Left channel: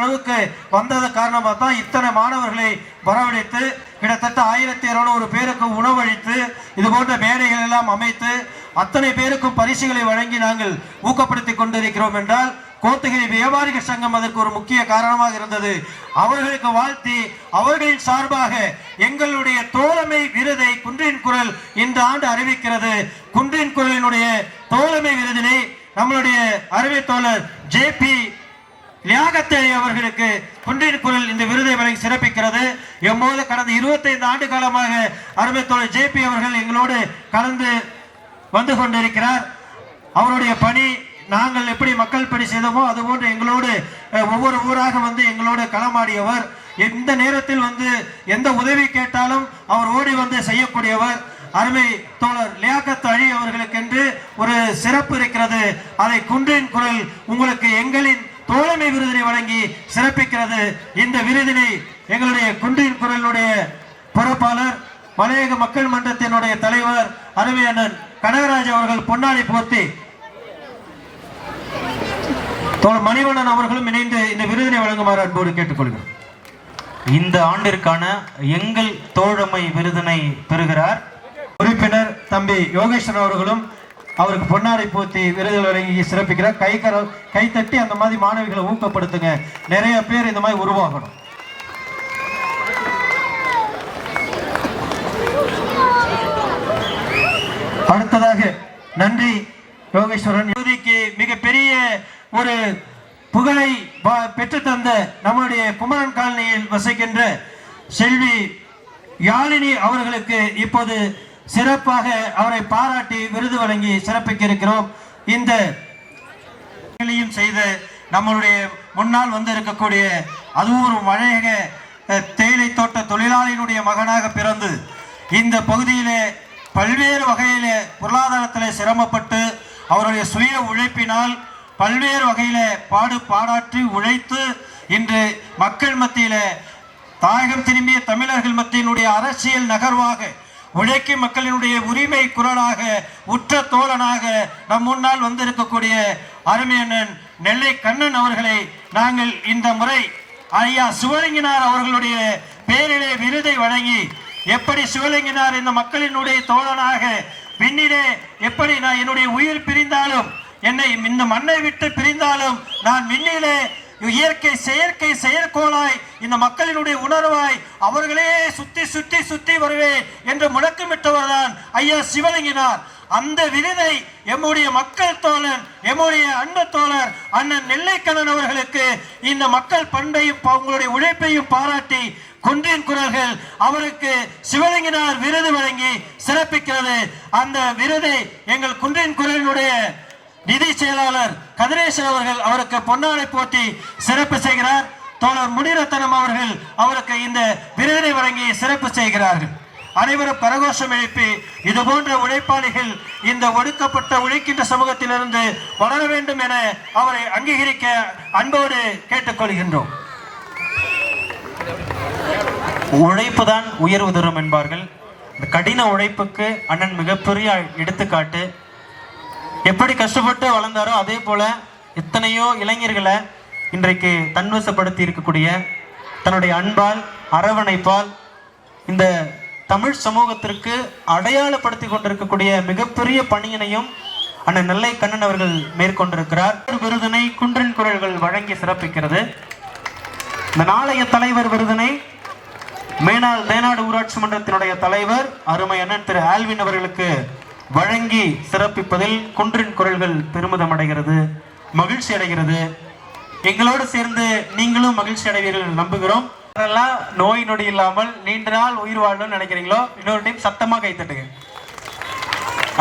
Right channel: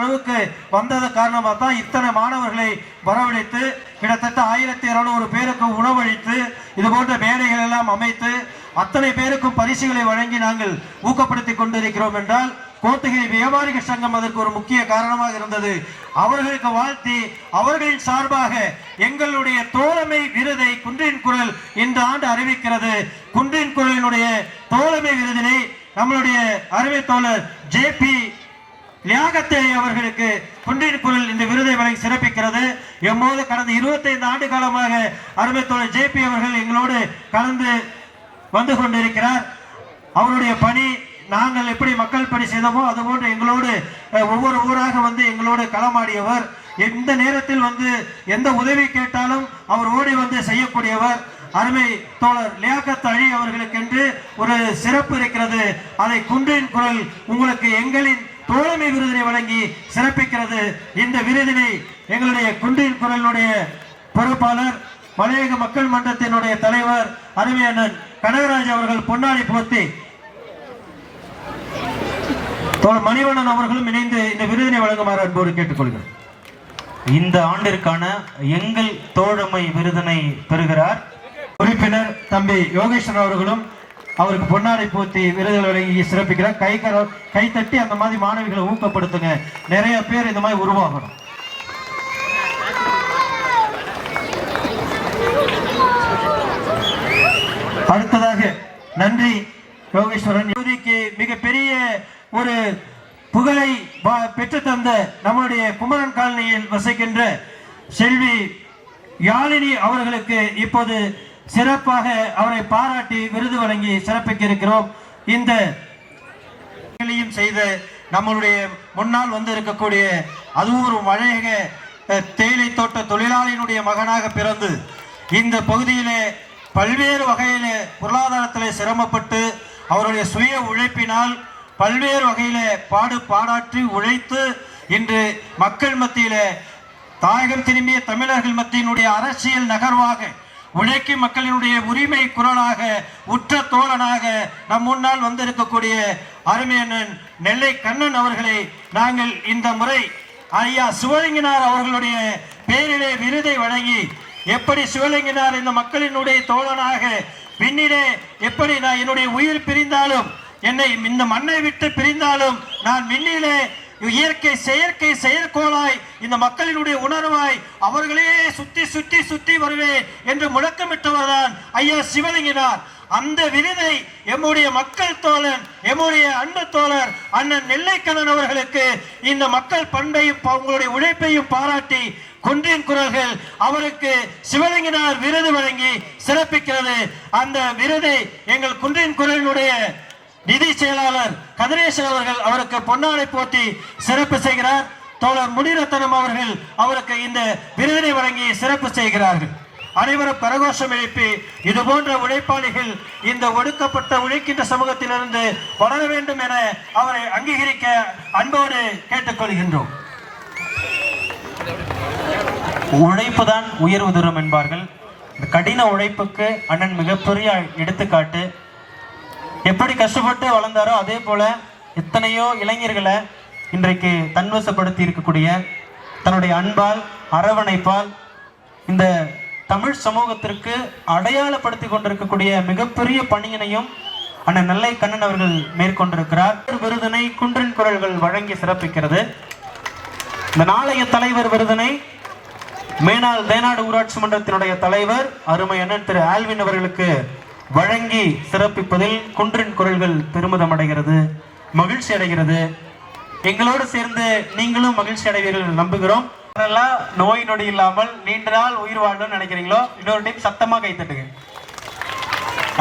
அளவுக்கு வந்தது காரணமாக தான் இத்தனை மாணவர்களை வரவழைத்து கிட்டத்தட்ட ஆயிரத்தி இருநூறு பேருக்கு உணவளித்து இது போன்ற மேடைகள் எல்லாம் அமைத்து அத்தனை பேருக்கும் பரிசுகளை வழங்கி நாங்கள் ஊக்கப்படுத்தி கொண்டிருக்கிறோம் என்றால் கோத்தகிரி வியாபாரிகள் சங்கம் அதற்கு ஒரு முக்கிய காரணமாக இருந்தது. அவர்களுக்கு வாழ்த்தி அவர்களின் சார்பாக எங்களுடைய தோழமை விருதை குன்றின் குரல் இந்த ஆண்டு அறிவிக்கிறது. குன்றின் குரலினுடைய தோழமை விருதினை நம்மளுடைய அருமை தோழர் ஜே பி லியாகத்தை அவர்களுக்கு குன்றின் குரல் இந்த விருதை வழங்கி சிறப்பிக்கிறது. எம்மோது கடந்த 25 ஆண்டு காலமாக அருமை தோழர் ஜே பி அவர்கள் எங்களோடு கலந்து வந்து கொண்டிருக்கிறார். அவருடைய பணி நாங்கள் எப்படி மக்கள் பணி செய்தோமோ அதுபோன்று எங்களோடு ஒவ்வொரு ஊராக வந்து எங்களோடு களமாடியவர். எந்த நேரத்தில் வந்து எந்த உதவி கேட்டாலும் அவர் ஓடி வந்து செய்யக்கூடியவர். அருமை தோழர் லியாக்கத் அலி அவர்களுக்கென்று ஒரு சிறப்பு இருக்கிறது. அதை குன்றின் குரல் உங்களுக்கு எங்களின் தோழமை விருதினை வழங்கி சிறப்பிக்கிறது இந்த விருதினை எங்களுடைய குன்றின் குரலினுடைய பொறுப்பாளர் மலையக மக்கள் மன்றத்தினுடைய தலைவர் அருமை அண்ணன் கனகராஜ் அவர்கள் பொன்னாடி போர்த்தி தோழர் மணிவண்ணன் அவர்களும் இணைந்து இந்த விருதினை வழங்குமாறு அன்போடு கேட்டுக்கொள்கிறேன். இந்த ஆண்டிற்கான எங்கள் தோழமை விருதினை பெறுகிறார். உறுப்பினர் தம்பி யோகேஸ்வரன் அவர்களும் அவருக்கு பொன்னாடை போத்தி விருதுகள் வழங்கி சிறப்பிக்கிறார். கை கர கை தட்டி அந்த மாதிரி மாணவிகளை ஊக்கப்படுத்துங்க. நிறைய பேர் இந்த மாதிரி உருவாகணும். அடுத்ததாக நன்றி யோகேஸ்வரன். யோகிக்கு மிகப்பெரிய ஒரு புகழை பெற்று பெற்றுத்தந்த நம்முடைய குமரன் காலனியில் வசிக்கின்ற செல்வி யாழினி அவர்களுக்கு இப்போது சிறப்பாக அவரை பாராட்டி விருது வழங்கி சிறப்பிக்க இருக்கிறோம் இந்த வேலையும் செய்த நம்மளுடைய முன்னால் வந்து இருக்கக்கூடிய அதுவும் ஒரு மழையக தேயிலை தோட்ட தொழிலாளியினுடைய மகனாக பிறந்து இந்த பகுதியிலே பல்வேறு வகையிலே பொருளாதாரத்தில் சிரமப்பட்டு அவருடைய சுய உழைப்பினால் பல்வேறு வகையில் பாடு பாடாற்றி உழைத்து இன்று மக்கள் மத்தியில் தாயகம் திரும்பிய தமிழர்கள் மத்தியினுடைய அரசியல் நகர்வாக உழைக்கும் மக்களினுடைய உரிமை குரலாக உற்ற தோழனாக நம் முன்னால் வந்திருக்கக்கூடிய அருமையண்ணன் நெல்லை கண்ணன் அவர்களை நாங்கள் இந்த முறை ஐயா சிவலிங்கினார் அவர்களுடைய பேரிலே விருதை வழங்கி எப்படி சிவலிங்கினார் இந்த மக்களினுடைய தோழனாக பின்னிலே எப்படி நான் என்னுடைய உயிர் பிரிந்தாலும் என்னை இந்த மண்ணை விட்டு பிரிந்தாலும் நான் விண்ணிலே இயற்கை செயற்கை செயற்கோளாய் இந்த மக்களினுடைய உணர்வாய் அவர்களே சுத்தி சுத்தி சுத்தி வருவேன் என்று முழக்கமிட்டவர்தான் ஐயா சிவலிங்கினார். அந்த விருதை எம்முடைய மக்கள் தோழன் எம்முடைய அன்பு தோழர் அண்ணன் நெல்லைக்கண்ணன் அவர்களுக்கு இந்த மக்கள் பண்பையும் ப- உங்களுடைய உழைப்பையும் பாராட்டி குன்றின் குரல்கள் அவருக்கு சிவலிங்கினார் விருது வழங்கி சிறப்பிக்கிறது. அந்த விருதை எங்கள் குன்றின் குரலினுடைய நிதி செயலாளர் கதிரேசன் அவர்கள் அவருக்கு பொன்னாடை போட்டி சிறப்பு செய்கிறார். தோழர் முனிரத்தனம் அவர்கள் அவருக்கு இந்த விருதினை வழங்கி சிறப்பு செய்கிறார்கள். அனைவரும் பரகோஷம் எழுப்பி இது போன்ற உழைப்பாளிகள் இந்த ஒடுக்கப்பட்ட உழைக்கின்ற சமூகத்திலிருந்து வளர வேண்டும் என அவரை அங்கீகரிக்க அன்போடு கேட்டுக்கொள்கின்றோம். உழைப்பு தான் உயர்வு தூரம் என்பார்கள். இந்த கடின உழைப்புக்கு அண்ணன் மிகப்பெரிய எடுத்துக்காட்டு எப்படி கஷ்டப்பட்டு வளர்ந்தாரோ அதே போல எத்தனையோ இளைஞர்களை இன்றைக்கு தன்வசப்படுத்தி இருக்கக்கூடிய தன்னுடைய அன்பால் அரவணைப்பால் இந்த தமிழ் சமூகத்திற்கு அடையாளப்படுத்தி கொண்டிருக்கக்கூடிய மிகப்பெரிய பணியினையும் அண்ணன் நெல்லை கண்ணன் அவர்கள் மேற்கொண்டிருக்கிறார். விருதினை குன்றன் குரல்கள் வழங்கி சிறப்பிக்கிறது. இந்த நாளைய தலைவர் விருதினை மேனாள் மேனாடு ஊராட்சி மன்றத்தினுடைய தலைவர் அருமை அண்ணன் திரு ஆல்வின் அவர்களுக்கு வழங்கி சிறப்பிப்பதில் குன்றின் குரல்கள் பெருமிதம் அடைகிறது மகிழ்ச்சி அடைகிறது. எங்களோடு சேர்ந்து நீங்களும் மகிழ்ச்சி அடைவீர்கள் நம்புகிறோம். நோய் நொடி இல்லாமல் நீண்ட நாள் உயிர் வாழணும்னு நினைக்கிறீங்களோ இன்னொரு டைம் சத்தமாக கைத்தட்டுங்க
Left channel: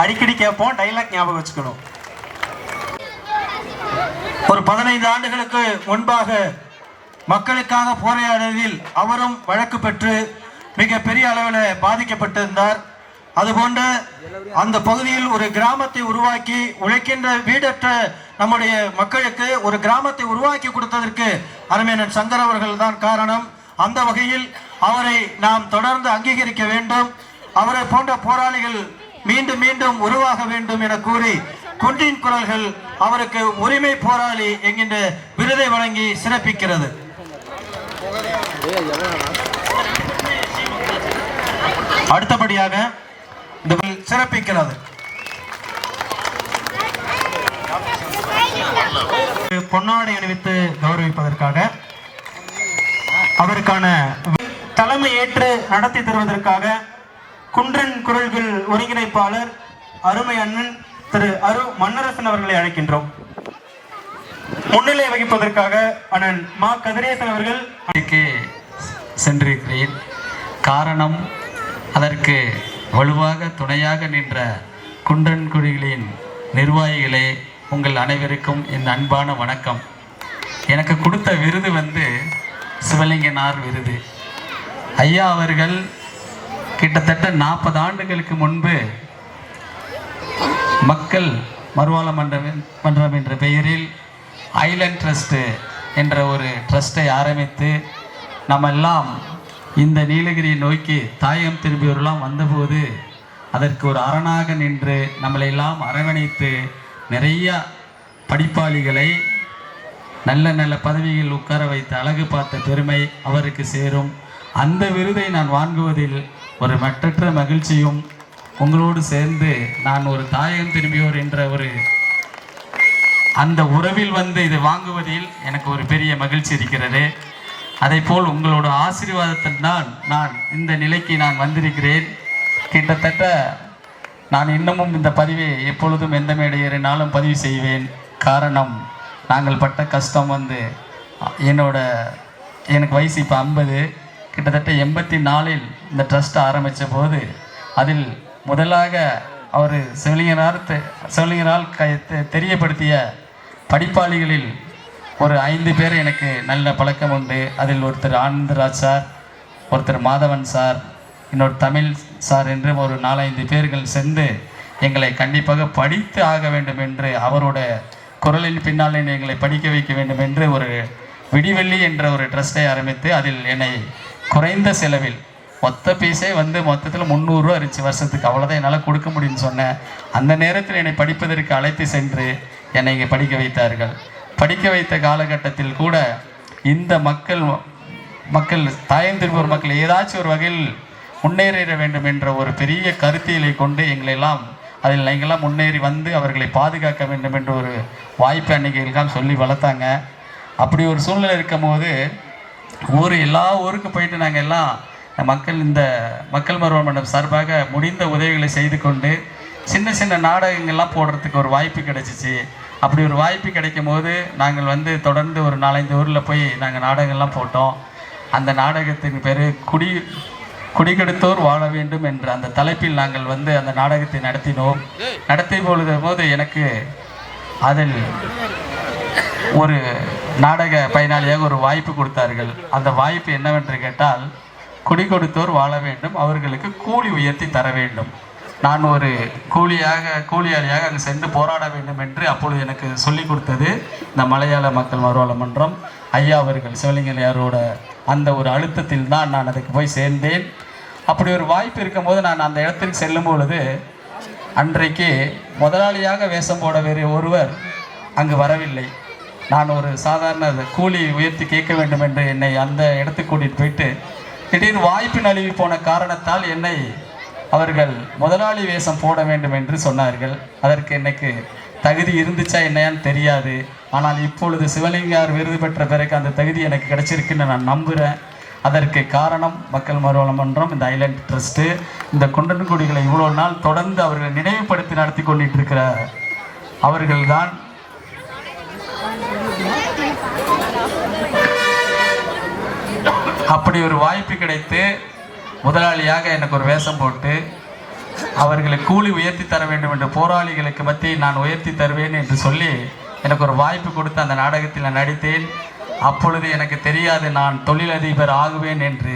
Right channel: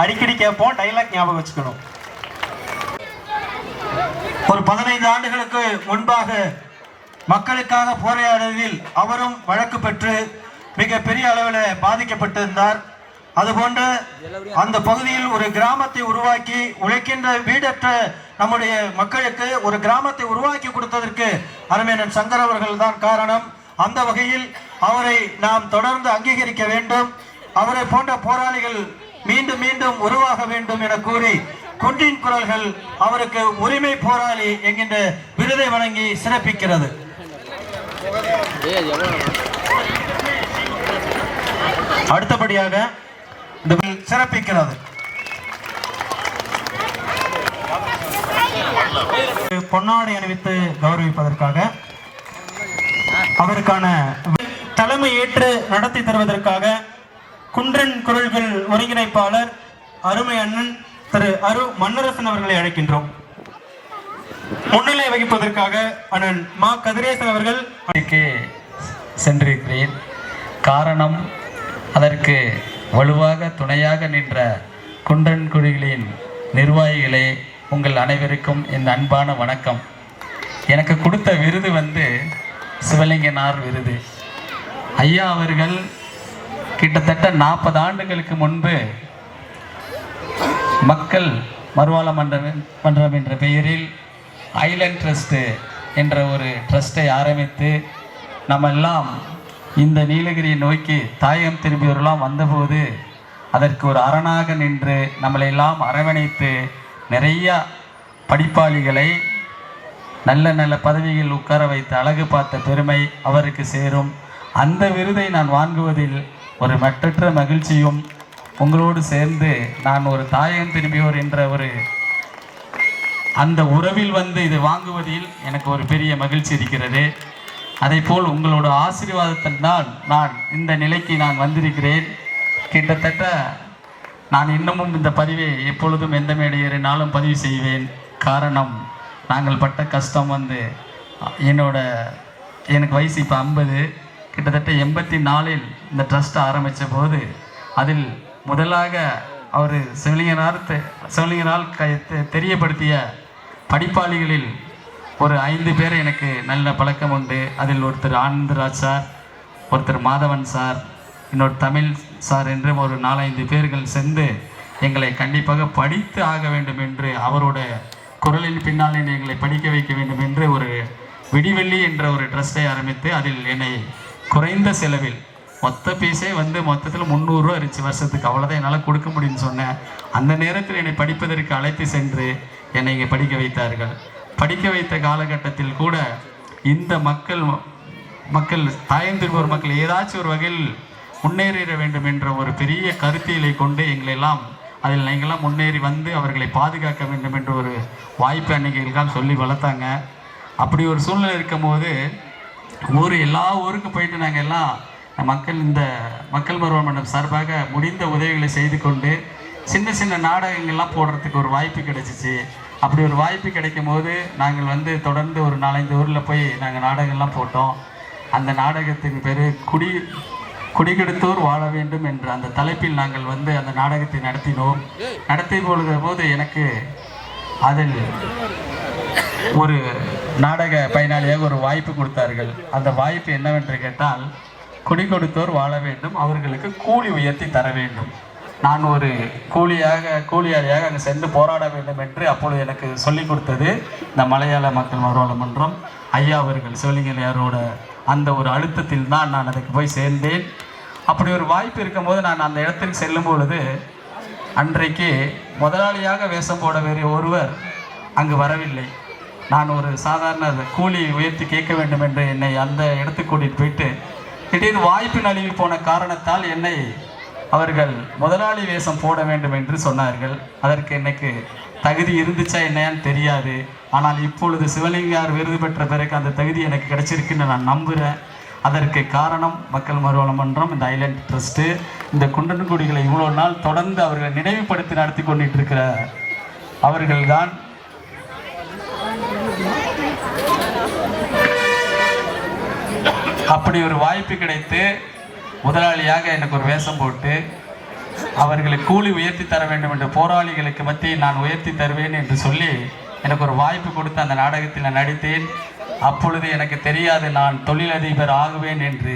அடிக்கடி கேட்போம் டைலாக் ஞாபகம் வச்சுக்கணும். ஒரு பதினைந்து ஆண்டுகளுக்கு முன்பாக மக்களுக்காக போராடியதில் அவரும் வழக்கு பெற்று மிக பெரிய அளவில் பாதிக்கப்பட்டிருந்தார். அதுபோன்ற அந்த பகுதியில் ஒரு கிராமத்தை உருவாக்கி உழைக்கின்ற வீடற்ற நம்முடைய மக்களுக்கு ஒரு கிராமத்தை உருவாக்கி கொடுத்ததற்கு அருமையன் சங்கர் அவர்கள் தான் காரணம். அந்த வகையில் அவரை நாம் தொடர்ந்து அங்கீகரிக்க வேண்டும். அவரை போன்ற போராளிகள் மீண்டும் மீண்டும் உருவாக வேண்டும் என கூறி குன்றின் குரல்கள் அவருக்கு உரிமை போராளி என்கின்ற விருதை வழங்கி சிறப்பிக்கிறது. அடுத்தபடியாக சிறப்பிக்கிறது. பொன்னாடை அணிவித்து கௌரவிப்பதற்காக அவருக்கான தலைமை ஏற்று நடத்தி தருவதற்காக குன்றன் குரல்கள் ஒருங்கிணைப்பாளர் அருமை அண்ணன் திரு அரு மன்னரசன் அவர்களை அழைக்கின்றோம். முன்னிலை வகிப்பதற்காக அண்ணன் மா கதிரேசன் அவர்கள் சென்றிருக்கிறேன். காரணம் அதற்கு வலுவாக துணையாக நின்ற குன்றன் குழிகளின் நிர்வாகிகளே உங்கள் அனைவருக்கும் என் அன்பான வணக்கம். எனக்கு கொடுத்த விருது வந்து சிவலிங்கனார் விருது. ஐயா அவர்கள் கிட்டத்தட்ட நாற்பது ஆண்டுகளுக்கு முன்பு மக்கள் மறுவாழ மன்றம் மன்றம் என்ற பெயரில் ஐலண்ட் ட்ரஸ்ட்டு என்ற ஒரு ட்ரஸ்ட்டை ஆரம்பித்து நம்ம எல்லாம் இந்த நீலகிரியை நோக்கி தாயம் திரும்பியவர்களாம் வந்தபோது அதற்கு ஒரு அரணாக நின்று நம்மளை எல்லாம் அரவணைத்து நிறைய படிப்பாளிகளை நல்ல நல்ல பதவியில் உட்கார வைத்து அழகு பார்த்த பெருமை அவருக்கு சேரும். அந்த விருதை நான் வாங்குவதில் ஒரு மற்றற்ற மகிழ்ச்சியும் உங்களோடு சேர்ந்து நான் ஒரு தாயம் திரும்பியோர் என்ற ஒரு அந்த உறவில் வந்து இது வாங்குவதில் எனக்கு ஒரு பெரிய மகிழ்ச்சி இருக்கிறது. அதே போல் உங்களோட ஆசீர்வாதத்தினால் நான் இந்த நிலைக்கு நான் வந்திருக்கிறேன். கிட்டத்தட்ட நான் இன்னமும் இந்த பதிவை எப்பொழுதும் எந்த மேடையேறினாலும் பதிவு செய்வேன். காரணம் நாங்கள் பட்ட கஷ்டம் வந்து என்னோட எனக்கு வயசு இப்போ ஐம்பது. கிட்டத்தட்ட எண்பத்தி நாலில் இந்த ட்ரஸ்ட்டை ஆரம்பித்த போது அதில் முதலாக அவர் செவிலியனார் தெ- க தெ- தெரியப்படுத்திய படிப்பாளிகளில் ஒரு ஐந்து பேர் எனக்கு நல்ல பழக்கம் உண்டு. அதில் ஒருத்தர் ஆனந்தராஜ் சார் ஒருத்தர் மாதவன் சார் இன்னொரு தமிழ் சார் என்று ஒரு நாலஞ்சு பேர்கள் சென்று எங்களை கண்டிப்பாக படித்து ஆக வேண்டும் என்று அவரோட குரலின் பின்னால் எங்களை படிக்க வைக்க வேண்டும் என்று ஒரு விடிவெள்ளி என்ற ஒரு ட்ரஸ்டை ஆரம்பித்து அதில் என்னை குறைந்த செலவில் மொத்த பீஸே வந்து மொத்தத்தில் முந்நூறுரூவா இருந்துச்சு. வருஷத்துக்கு அவ்வளோதான் என்னால் கொடுக்க முடியும்னு சொன்னேன். அந்த நேரத்தில் என்னை படிப்பதற்கு அழைத்து சென்று என்னை இங்கே படிக்க வைத்தார்கள். படிக்க வைத்த காலகட்டத்தில் கூட இந்த மக்கள் மக்கள் தாயந்திருப்போர் மக்கள் ஏதாச்சும் ஒரு வகையில் முன்னேறிட வேண்டும் என்ற ஒரு பெரிய கருத்தியலை கொண்டு எங்களெல்லாம் அதில் எங்கெல்லாம் முன்னேறி வந்து அவர்களை பாதுகாக்க வேண்டும் என்ற ஒரு வாய்ப்பு அன்னைக்கு எங்களுக்கெல்லாம் சொல்லி வளர்த்தாங்க. அப்படி ஒரு சூழ்நிலை இருக்கும்போது ஊர் எல்லா ஊருக்கு போயிட்டு நாங்கள் எல்லாம் மக்கள் இந்த மக்கள் மருவ மண்டபம் சார்பாக முடிந்த உதவிகளை செய்து கொண்டு சின்ன சின்ன நாடகங்கள்லாம் போடுறதுக்கு ஒரு வாய்ப்பு கிடைச்சிச்சு. அப்படி ஒரு வாய்ப்பு கிடைக்கும் போது நாங்கள் வந்து தொடர்ந்து ஒரு நாலஞ்சு ஊரில் போய் நாங்கள் நாடகங்கள்லாம் போட்டோம். அந்த நாடகத்தின் பேர் குடி குடிகெடுத்தோர் வாழ வேண்டும் என்ற அந்த தலைப்பில் நாங்கள் வந்து அந்த நாடகத்தை நடத்தினோம். நடத்தி பொழுது போது எனக்கு அதில் ஒரு நாடக பயனாளியாக ஒரு வாய்ப்பு கொடுத்தார்கள். அந்த வாய்ப்பு என்னவென்று கேட்டால் குடி கொடுத்தோர் வாழ வேண்டும் அவர்களுக்கு கூலி உயர்த்தி தர வேண்டும். நான் ஒரு கூலியாக கூலியாளியாக அங்கு சென்று போராட வேண்டும் என்று அப்பொழுது எனக்கு சொல்லிக் கொடுத்தது. இந்த மலையாள மக்கள் மறுவாழ மன்றம் ஐயா அவர்கள் சிவலிங்கலையாரோட அந்த ஒரு அழுத்தத்தில் தான் நான் அதுக்கு போய் சேர்ந்தேன். அப்படி ஒரு வாய்ப்பு இருக்கும்போது நான் அந்த இடத்தில் செல்லும் பொழுது அன்றைக்கு முதலாளியாக வேஷம் போட வேறு ஒருவர் அங்கு வரவில்லை. நான் ஒரு சாதாரண கூலி உயர்த்தி கேட்க வேண்டும் என்று என்னை அந்த இடத்துக்கு கூட்டிகிட்டு போயிட்டு திடீர் வாய்ப்பு நழுவி போன காரணத்தால் என்னை அவர்கள் முதலாளி வேஷம் போட வேண்டும் என்று சொன்னார்கள். அதற்கு எனக்கு தகுதி இருந்துச்சா என்னன்னு தெரியாது. ஆனால் இப்பொழுது சிவலிங்கார் விருது பெற்ற பிறகு அந்த தகுதி எனக்கு கிடைச்சிருக்குன்னு நான் நம்புகிறேன் அதற்கு காரணம் மக்கள் மறுவாழ்வு மன்றம் இந்த ஐலண்ட் ட்ரஸ்ட்டு இந்த குண்டன்குடிகளை இவ்வளோ நாள் தொடர்ந்து அவர்களை நினைவுபடுத்தி நடத்தி கொண்டிட்டு இருக்கிற அவர்கள்தான் அப்படி ஒரு வாய்ப்பு கிடைத்து முதலாளியாக எனக்கு ஒரு வேஷம் போட்டு அவர்களை கூலி உயர்த்தி தர வேண்டும் என்று போராளிகளுக்கு மத்தியில் நான் உயர்த்தி தருவேன் என்று சொல்லி எனக்கு ஒரு வாய்ப்பு கொடுத்து அந்த நாடகத்தில் நான் நடித்தேன். அப்பொழுது எனக்கு தெரியாது நான் தொழிலதிபர் ஆகுவேன் என்று.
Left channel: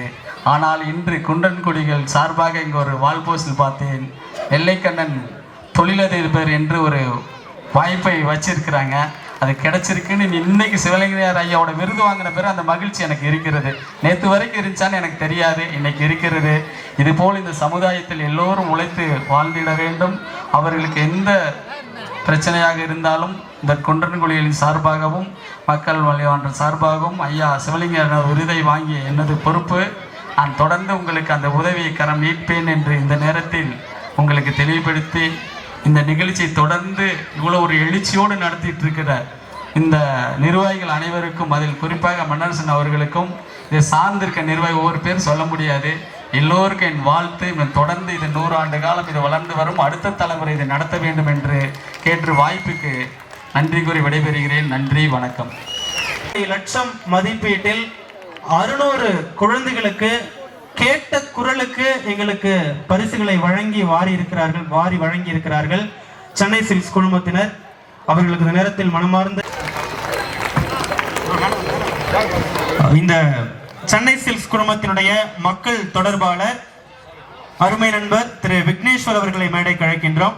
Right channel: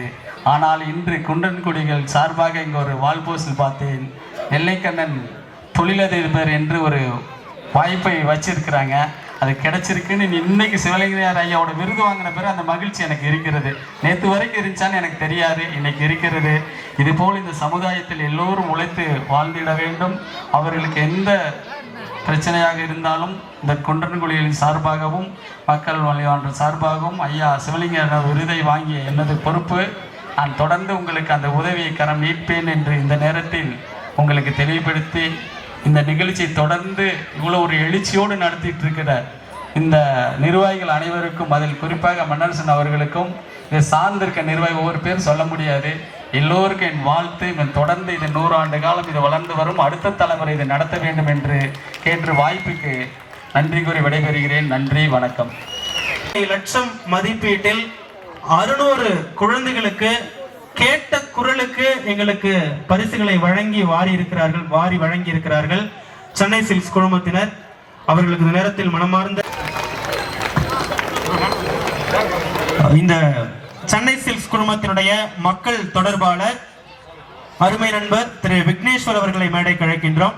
ஆனால் இன்று குண்டன்குடிகள் சார்பாக இங்கு ஒரு வால்போஸ்டில் பார்த்தேன். நெல்லைக்கண்ணன் தொழிலதிபர் என்று ஒரு வாய்ப்பை வச்சிருக்கிறாங்க. அது கிடைச்சிருக்குன்னு இன்னைக்கு சிவலிங்கர் ஐயாவோட விருது வாங்கின பிறகு அந்த மகிழ்ச்சி எனக்கு இருக்கிறது. நேற்று வரைக்கும் இருந்துச்சான்னு எனக்கு தெரியாது. இன்னைக்கு இருக்கிறது. இதுபோல் இந்த சமுதாயத்தில் எல்லோரும் உழைத்து வாழ்ந்திட வேண்டும். அவர்களுக்கு எந்த பிரச்சனையாக இருந்தாலும் இந்த குன்றன்குழியின் சார்பாகவும் மக்கள் வழிவான்ற சார்பாகவும் ஐயா சிவலிங்க விருதை வாங்கிய எனது பொறுப்பு. நான் தொடர்ந்து உங்களுக்கு அந்த உதவியை கரம் நீட்பேன் என்று இந்த நேரத்தில் உங்களுக்கு தெளிவுபடுத்தி இந்த நிகழ்ச்சியை தொடர்ந்து இவ்வளோ ஒரு எழுச்சியோடு நடத்திட்டு இருக்கிற இந்த நிர்வாகிகள் அனைவருக்கும் அதில் குறிப்பாக மன்னரசன் அவர்களுக்கும் இதை சார்ந்திருக்க நிர்வாகி ஒவ்வொரு பேரும் சொல்ல முடியாது. எல்லோருக்கும் என் வாழ்த்து. இவன் தொடர்ந்து இதை நூறு ஆண்டு காலம் இது வளர்ந்து வரும். அடுத்த தலைமுறை இதை நடத்த வேண்டும் என்று கேட்டு வாய்ப்புக்கு நன்றி கூறி விடைபெறுகிறேன். நன்றி வணக்கம். லட்சம் மதிப்பீட்டில் அறுநூறு குழந்தைகளுக்கு கேட்ட குரலுக்கு எங்களுக்கு பரிசுகளை வழங்கி வாரி இருக்கிறார்கள் வாரி வழங்கி இருக்கிறார்கள் சென்னை சில்க்ஸ் குழுமத்தினர் அவர்களுக்கு இந்த நேரத்தில் மனமார்ந்த இந்த சென்னை சில்க்ஸ் குழுமத்தினுடைய மக்கள் தொடர்பாளர் அருமை நண்பர் திரு விக்னேஸ்வர் அவர்களை மேடை கழக்கின்றோம்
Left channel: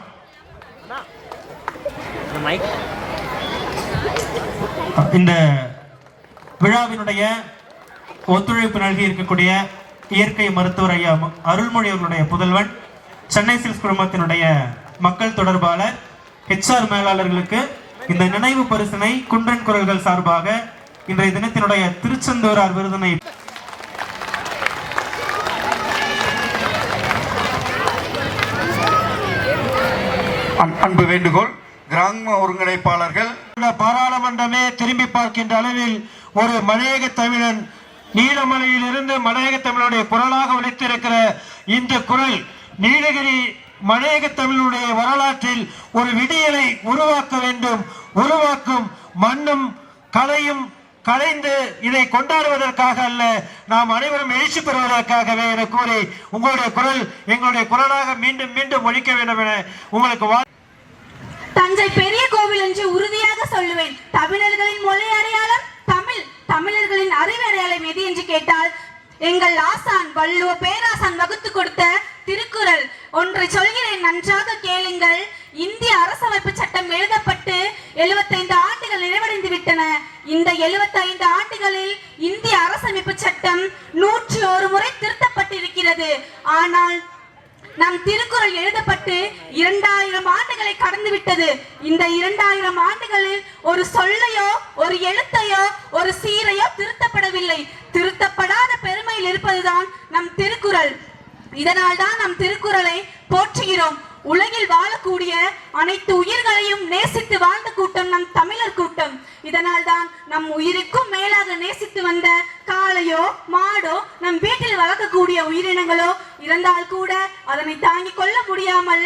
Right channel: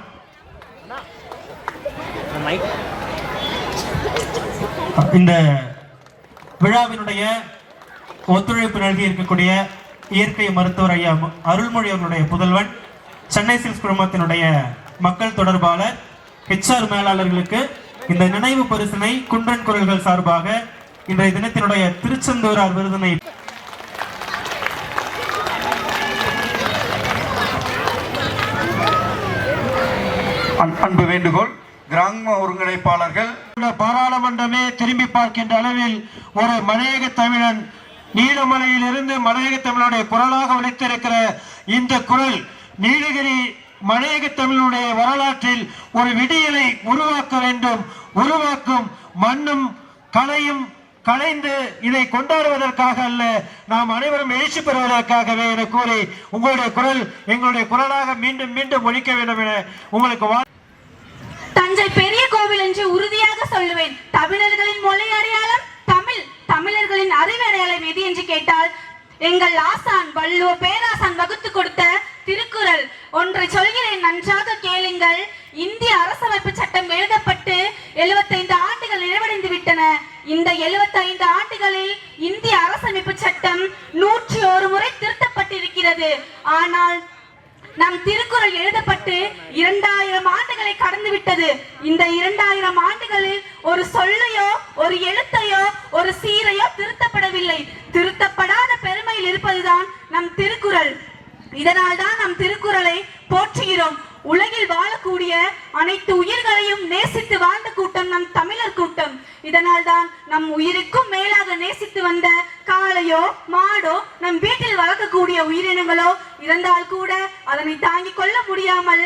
இந்த விழாவினுடைய ஒத்துழைப்பு நல்கி இருக்கக்கூடிய இயற்கை மருத்துவர் ஐயா அருள்மொழி அவர்களுடைய புதல்வன் சென்னை சில்க்ஸ் குழுமத்தினுடைய மக்கள் தொடர்பாளர் ஹெச்ஆர் மேலாளர்களுக்கு இந்த நினைவு பரிசினை குன்றன் குரல்கள் சார்பாக இன்றைய தினத்தினுடைய திருச்செந்தூரார் விருதினை அன்- அன்பு வேண்டுகோள் கிராம ஒருங்கிணைப்பாளர்கள் பாராளுமன்றமே திரும்பி பார்க்கின்ற அளவில் ஒரு மலையக தமிழன் நீலமலையிலிருந்து மலையக தமிழுடைய குரலாக ஒழித்திருக்கிற இந்த குரல் நீலகிரி மலையக தமிழுடைய வரலாற்றில் ஒரு விடியலை உருவாக்க வேண்டும். உருவாக்கும் மண்ணும் கலையும் கலைந்து இதை கொண்டாடுவதற்காக அல்ல நாம் அனைவரும் எழுச்சி பெறுவதற்காகவே என கூறி உங்களுடைய குரல் எங்களுடைய குரலாக மீண்டும் மீண்டும் ஒழிக்க வேண்டும் என உங்களுக்கு தஞ்சை பெரிய கோவில் என்று உறுதியாக சொல்லுவேன். தமிழர்களின் மொழி அடையாளம் தமிழ் தமிழர்களின் அறிவடையாளம் எது என்று கேட்டால் எங்கள் ஆசான் வள்ளுவர் பேராசான் வகுத்து கொடுத்த திருக்குறள் ஒன்றை சொல்கிறேன் நன்றாக கேளுங்கள். இந்திய அரசமைப்பு சட்டம் எழுதப்பட்டு 75 ஆண்டுகள் நிறைவடைந்து விட்டன. இந்த 75 ஆண்டுகளில் இந்திய அரசமைப்பு சட்டம் நூற்றி ஒரு முறை திருத்தப்பட்டிருக்கிறது. ஆனால் நம் திருக்குறள் எழுதப்பட்டு இரண்டாயிரம் ஆண்டுகளை கடந்து விட்டது இந்த இரண்டாயிரம் ஆண்டுகளில் ஒரு சொல்லையோ ஒரு எழுத்தையோ ஒரு சீரையோ திருத்தப்படவில்லை. திருத்தப்படாத பெருமையில் இருப்பதுதான் நம் திருக்குறள். இதனால் தான் நம் திருக்குறளை போற்றுகிறோம். உலகில் வாழக்கூடிய அனைத்து உயிர்களையும் நேசித்து வாழ்ந்த கூட்டம் நம் தமிழர் கூட்டம். இதனால் தான் நம் உயிருக்கும் மேலாக நேசித்து வந்த காளையோ மாடோ நம் வீட்டில் வளர்க்கக்கூடிய உயிரினங்களோ இறந்தால் கூட அதனை தாங்கிக் கொள்ள முடியாமல்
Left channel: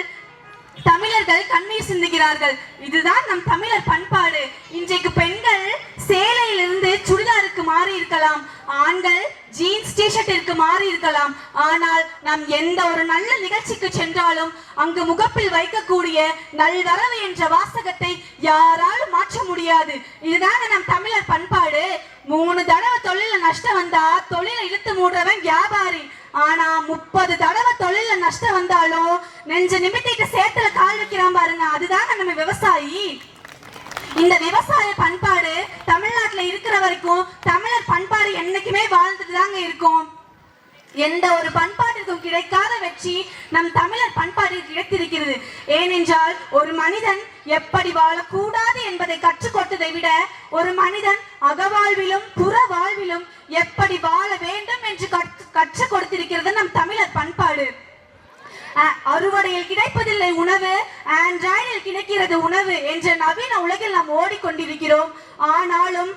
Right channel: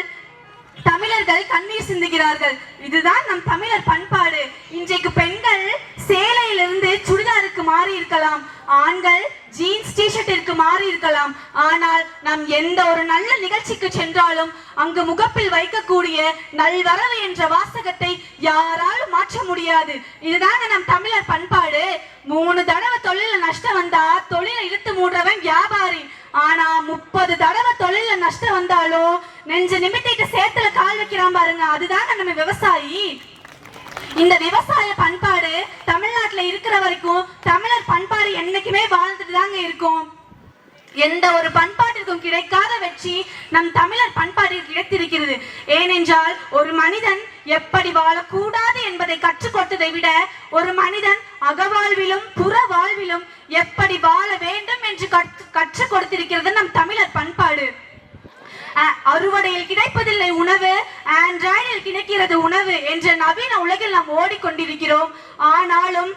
தமிழர்கள் கண்ணீர் சிந்துகிறார்கள். இதுதான் நம் தமிழர் பண்பாடு. இன்றைக்கு பெண்கள் சேலையிலிருந்து சுடிதாருக்கு மாறி இருக்கலாம் ஆண்கள் ஜீன்ஸ் டிஷர்ட்டிற்கு மாறி இருக்கலாம். ஆனால் நாம் எந்த ஒரு நல்ல நிகழ்ச்சிக்கு சென்றாலும் அங்கு முகப்பில் வைக்கக்கூடிய நல்வரவு என்ற வாசகத்தை யாராலும் மாற்ற முடியாது. இதுதாங்க நம் தமிழர் பண்பாடு. மூணு தடவை தொழில நஷ்டம் வந்தா தொழிலை இழுத்து மூடுறவன் வியாபாரி. ஆனா முப்பது தடவை தொழில நஷ்டம் வந்தாலும் நெஞ்ச நிமித்திட்டு சேத்துல கால் வைக்கிறான் பாருங்க அதுதாங்க நம்ம விவசாயி. இந்த விவசாய பண்பாடு தமிழ்நாட்டுல இருக்கிற வரைக்கும் தமிழர் பண்பாடு என்னைக்குமே வாழ்ந்துட்டு தாங்க இருக்கும். எந்த ஒரு பண்பாட்டிற்கும் கிடைக்காத வெற்றி நம் தமிழர் பண்பாட்டில் கிடைத்திருக்கிறது. ஏனென்றால் ஒரு மனிதன் எப்படி வாழக்கூடாது என்பதை கற்றுக் கொடுத்ததை விட ஒரு மனிதன் அகவாழ்விலும் புற வாழ்விலும் எப்படி வாழ வேண்டும் என்று கற்று- கற்றுக் கொடுத்திருக்கிறது நம் தமிழர் பண்பாடு. அறுவடையில் கிடைப்பதில்லை உணவு ஆண்ட்ராய்டில் கிடைக்கிறது உணவு என்ற நவீன உலகில் நாம் ஓடிக்கொண்டிருக்கிறோம். ஆனாலும்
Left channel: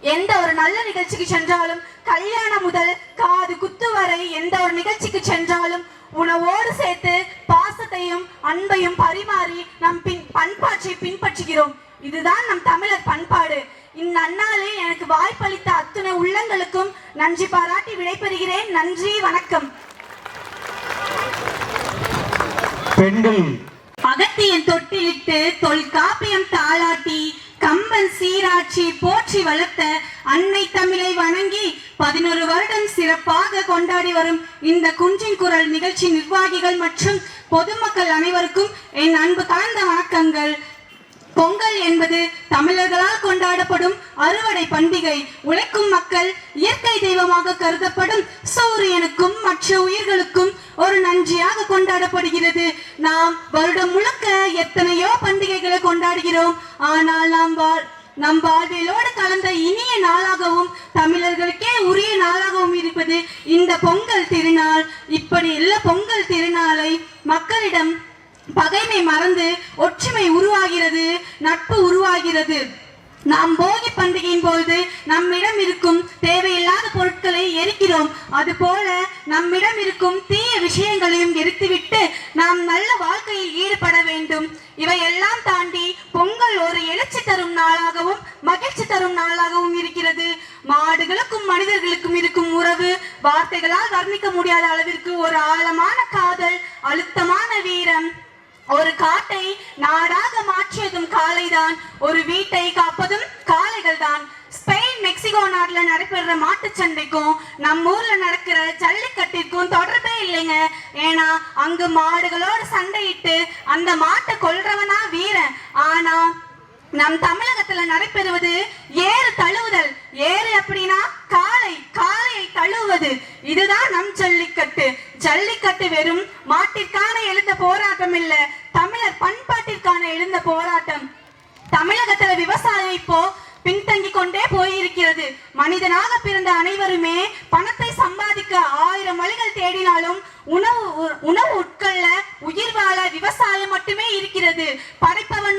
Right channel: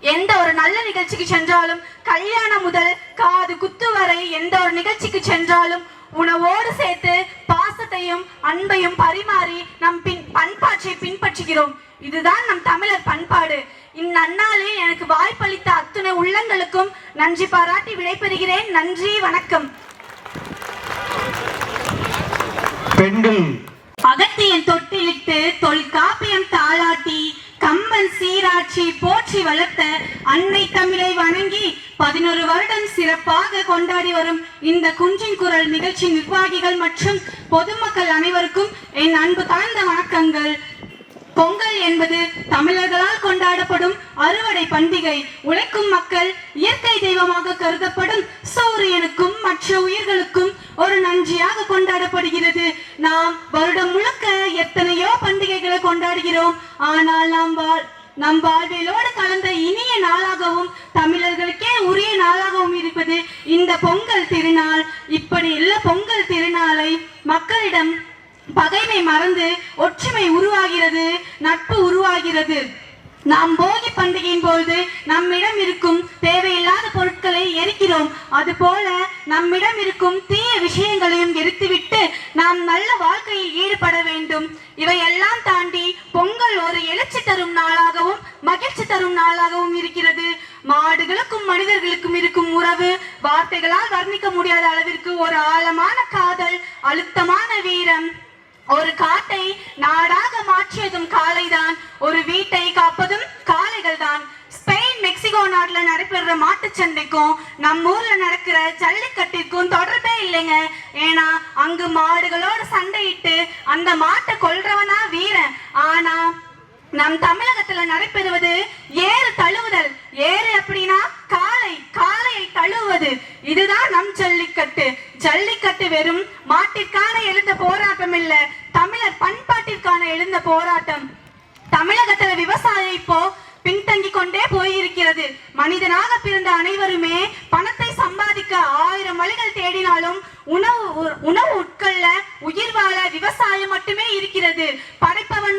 எந்த ஒரு நல்ல நிகழ்ச்சிக்கு சென்றாலும் கல்யாணம் முதல் காது குத்து வரை எந்த ஒரு நிகழ்ச்சிக்கு சென்றாலும் உணவோடு சேர்த்து பாசத்தையும் அன்பையும் பரிமாறி நம் பின் பண்பாட்டை பின்பற்றுகிறோம். இதுதான் நம் தமிழர் பண்பாடு. இந்நன்னாளில் எனக்கு வாய்ப்பளித்த அத்துணை உள்ளங்களுக்கும் நன்றி பாராட்டி விடைபெறுகிறேன். நன்றி வணக்கம். பெண்கள். அகத்தியன் தொட்டிலிட்டு தொல்காப்பியம் தாளாட்டி கம்பன் சீராட்சி போற்றி வளர்த்த அன்னை தமிழை வணங்கி பதினொரு வருடம் சிறப்பாக கொண்டாடி வரும் இந்த குன்றின் குரல் நிகழ்ச்சி நிர்வாகிகள் மற்றும் பொதுமக்கள் அனைவருக்கும் என் அன்பு தாழ்ந்த வணக்கங்கள். பொங்கல் என்பது தமிழர்களால் கொண்டாடப்படும் அறுவடை பண்டிகை. உழைக்கும் மக்கள் இயற்கை தெய்வமாக கருதப்படும் சூரியனுக்கும் மற்ற உயிர்களுக்கும் ஒரு நன்றியாக கொண்டாடப்படுகிறது. நாம் வருடம் முழுக்க எத்தனையோ பண்டிகைகளை கொண்டாடுகிறோம். ஆனால் நாம் வாழ் நம் வாழ்விலோடு கலந்த இனிய நாளாகவும் தமிழர்களுக்கே உரிய நாளாகவும் இருப்பது இந்த பொங்கல் திருநாள். இப்படி இல்ல பொங்கல் திருநாளை மக்களிடம் பகைமை மறந்து ஒற்றுமை உருவாகிறது நட்பு உருவாகிறது. நாம் போகி பண்டிகையின் பொழுது நம்மிடம் இருக்கும் தேவையில்லாத பொருட்களை எரிக்கிறோம். அதுபோல நம்மிடம் இருக்கும் தீய விஷயங்களையும் எரித்துவிட்டு நாம் நல்ல வாழ்க்கையில் ஈடுபட வேண்டும். இவையெல்லாம் தாண்டி பொங்கல் ஒரு எழுச்சி தரும் நாளாகவும் மகிழ்ச்சி தரும் நாளாகவும் இருக்கிறது. மாடுகளுக்கும் மனிதர்களுக்கும் இருக்கும் உறவு வார்த்தைகளால் வர்ணிக்க முடியாத அளவிற்கு ஒரு ஆழமான காதல் அழுத்தமான வீரம். ஒரு காட்டை நாடாக மாற்றியதும் காலைதான் ஒரு வீட்டை காப்பதும் காளைகள் தான் ஸ்பெயின் மெக்சிகோ நாட்டுல நடைபெற மாட்டுச்சந்தைக்கும் நம்ம ஊர்ல நடக்கிற ஜல்லிக்கட்டிற்கும் தொடர்பே இல்லைங்க. ஏன்னா அங்கு மாடுகளோட சண்டையிட்டு அந்த மாட்டை கொல்றவனா வீரன். ஆனா நம் தமிழகத்துல நடைபெறுவது ஏறு தழுவுதல். ஏறு அப்படின்னா காலை காலையை தழுவுவது. இதுதான் நம் ஜல்லிக்கட்டு. ஜல்லிக்கட்டு வெறும் மாட்டிற்கான எழுந்த போராட்டம் இல்ல தமிழர் பண்பாட்டிற்கான எழுந்த போராட்டம். தமிழகத்துல விவசாயம் இப்போ பின்தங்கி கொண்டே போயிருக்கிறது. மனிதனாக பிறந்த அனைவருமே பணத்தை சம்பாதிக்க ஆயிரம் வழிகள் தேடினாலும் உணவு உணவு உட்கொள்ள உயிர் வாழ விவசாயம் மட்டுமே இருக்கிறது. படைப்பவன்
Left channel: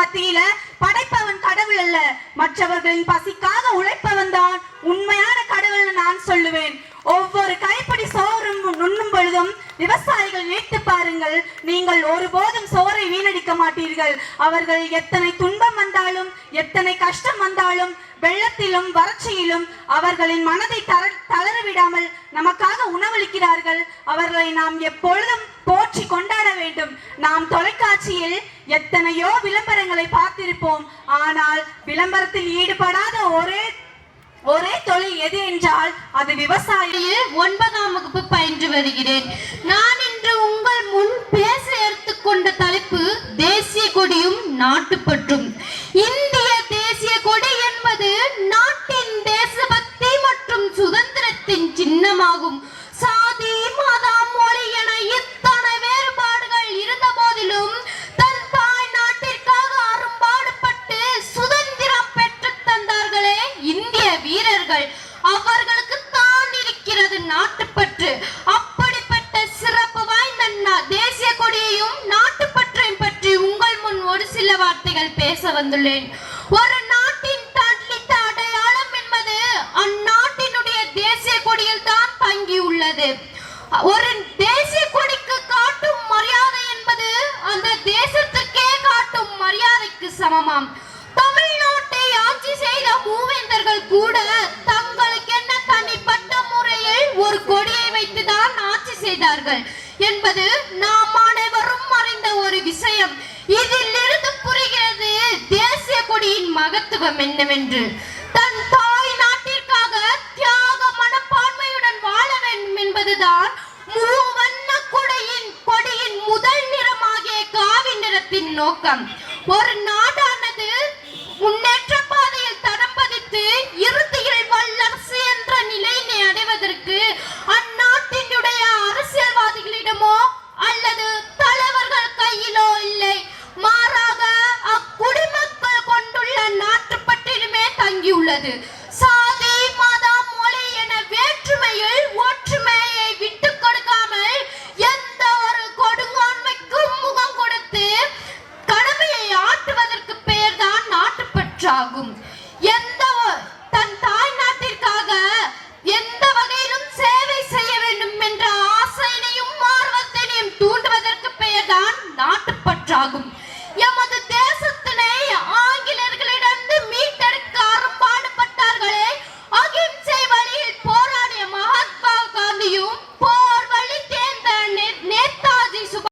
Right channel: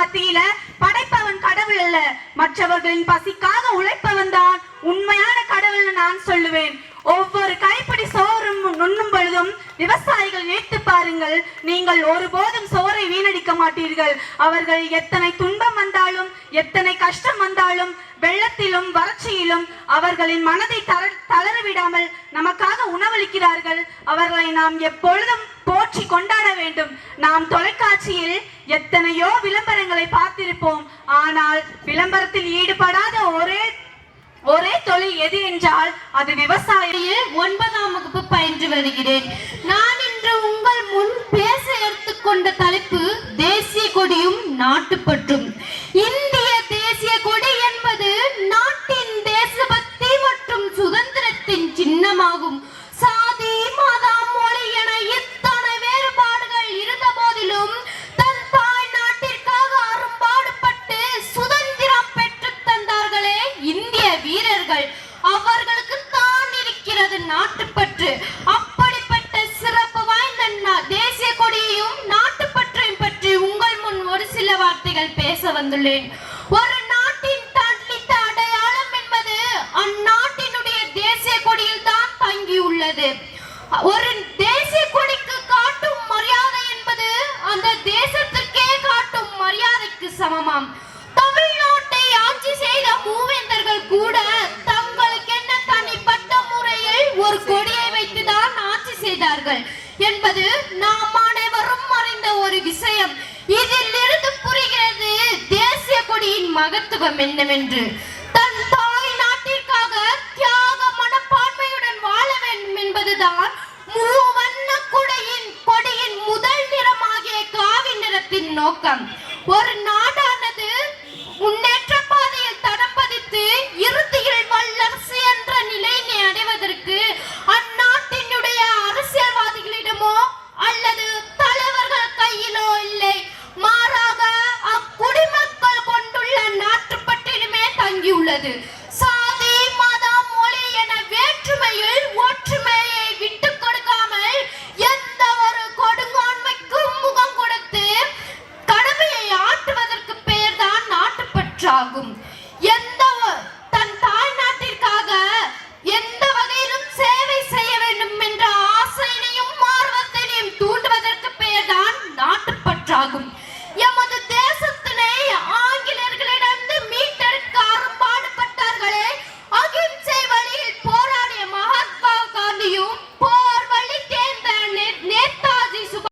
மத்தியில படைப்பவன் கடவுள் அல்ல. மற்றவர்களின் பசிக்காக உழைப்பவன் தான் உண்மையான கடவுள்னு நான் சொல்லுவேன். ஒவ்வொரு கைப்பிடி சோறும் நுண்ணும் பொழுதும் விவசாயிகள் நினைத்து பாருங்கள் நீங்கள் ஒருபோதும் சோறை வீணடிக்க மாட்டீர்கள். அவர்கள் எத்தனை துன்பம் வந்தாலும் எத்தனை கஷ்டம் வந்தாலும் வெள்ளத்திலும் வறட்சியிலும் அவர்களின் மனதை தளரவிடாமல் தளர விடாமல் நமக்காக உணவளிக்கிறார்கள். அவர்களை நாம் எப்பொழுதும் போற்றி கொண்டாட வேண்டும். நாம் தொலைக்காட்சியில் எத்தனையோ விளம்பரங்களை பார்த்திருப்போம். ஆனால் விளம்பரத்தில் ஈடுபடாத ஒரே ஒரே தொழில் எது என்றால் அது விவசாயியில் ஒன்பதாம் வகுப்பு பயின்று வருகிறேன். நான் இன்று உங்கள் முன் பேச எடுத்துக்கொண்ட தலைப்பு தேசிய கொடியும் நாட்டுப்பற்றும். இந்திய நாட்டுப்பற்று. அப்படிப்பட்ட சிறப்பு வாய்ந்த நா- தேசிய கொடியையும் நாட்டுப்பற்றையும் பற்றி உங்கள் முன் ஒரு சில வார்த்தைகள் பேச வந்துள்ளேன். ஒரு நாட்டின் தன்னித்த அடையாளம் என்பது அந்நாட்டினுடைய தேசிய கொடியில் தான் தங்கியுள்ளது ஒரு தேசிய கொடிக்கு காட்டும் மரியாதை என்பது அந்த தேசத்துக்கே காட்டும் மரியாதைக்கு சமமாம். இதிலிருந்து இதில் இருந்து புரிகிறது தேசிய கொடியின் மகத்துவம் என்னவென்று. தன் தாய் நாட்டிற்காக தியாக மனப்பான்மையுடன் வாழ வேண்டும் என்பதுதான் மூவண்ண கொடையின் கொடியின் முதல் நிறமாகிய காவி நிறத்தின் நோக்கம். ஒரு நாடானது